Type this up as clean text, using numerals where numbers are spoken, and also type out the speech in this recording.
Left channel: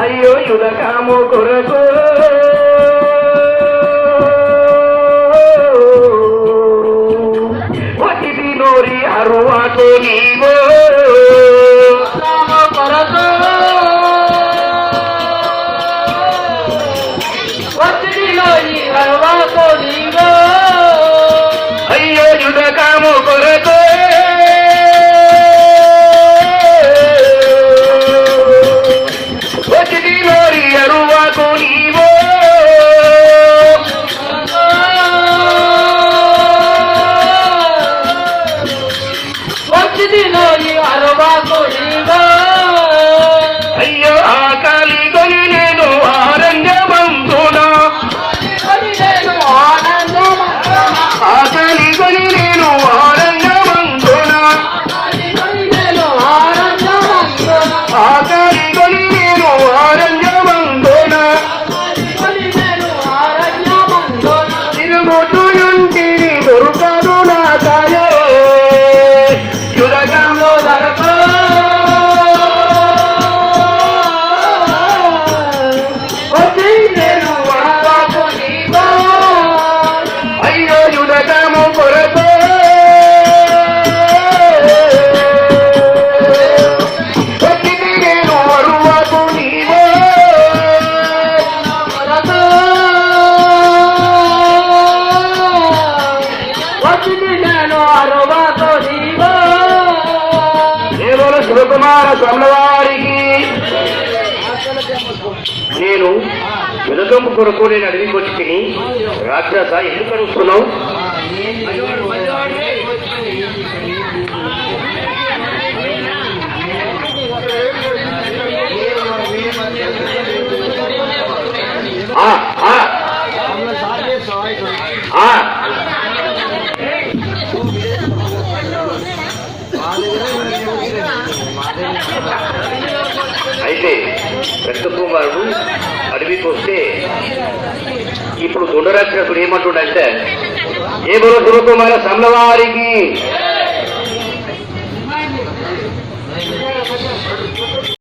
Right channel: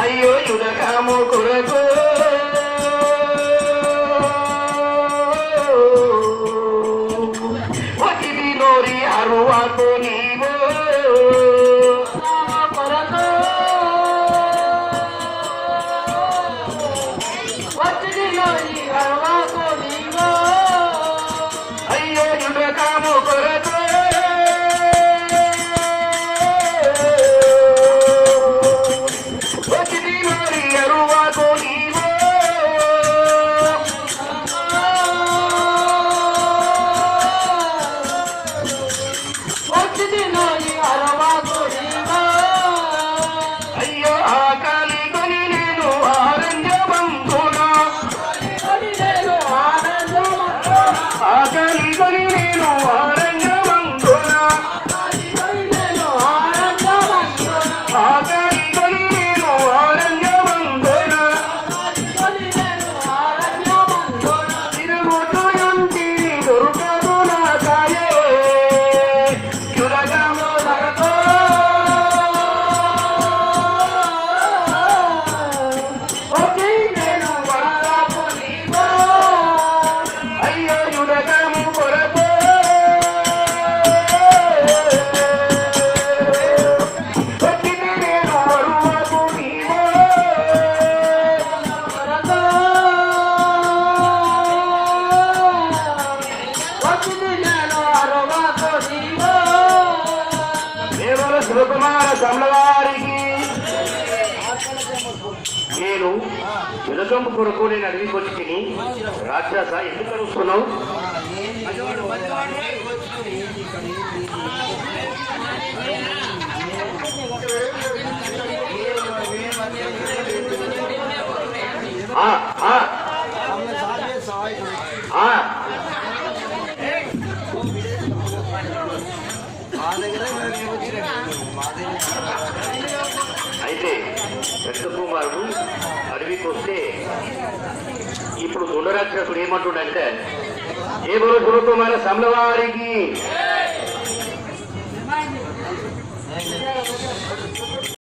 అయ్యో యుధకాము కొరకు వచ్చిది నోరి అరువాతో నీవో కొరకు వచ్చిది నోరి అరువాతో నీవో అయ్యో యుధకాము కొరకు అయ్యో ఆకలి కొని నేను ఆరంగమందునా ఆకలి కొని నేను ఆరంగమందునా ఆకలి కొని నేను ఆరంగమందునా తిరుగుతూ ఇంటిని దొరకదు నా కాయే యురగంలో దొరక శివకుమార స్వామివారికి నేను వెలుగంపు కొరకు నేను అడవికి వచ్చి తిని రాక్షస ఎందుకు అడుగుతున్నావు? అయితే పెద్ద కుమారుడు అడవికి వస్తే ఇప్పుడు దొండరాక్షసుడు ఏమంటుండంటే ఏ బలో శివకుమార స్వామివారికి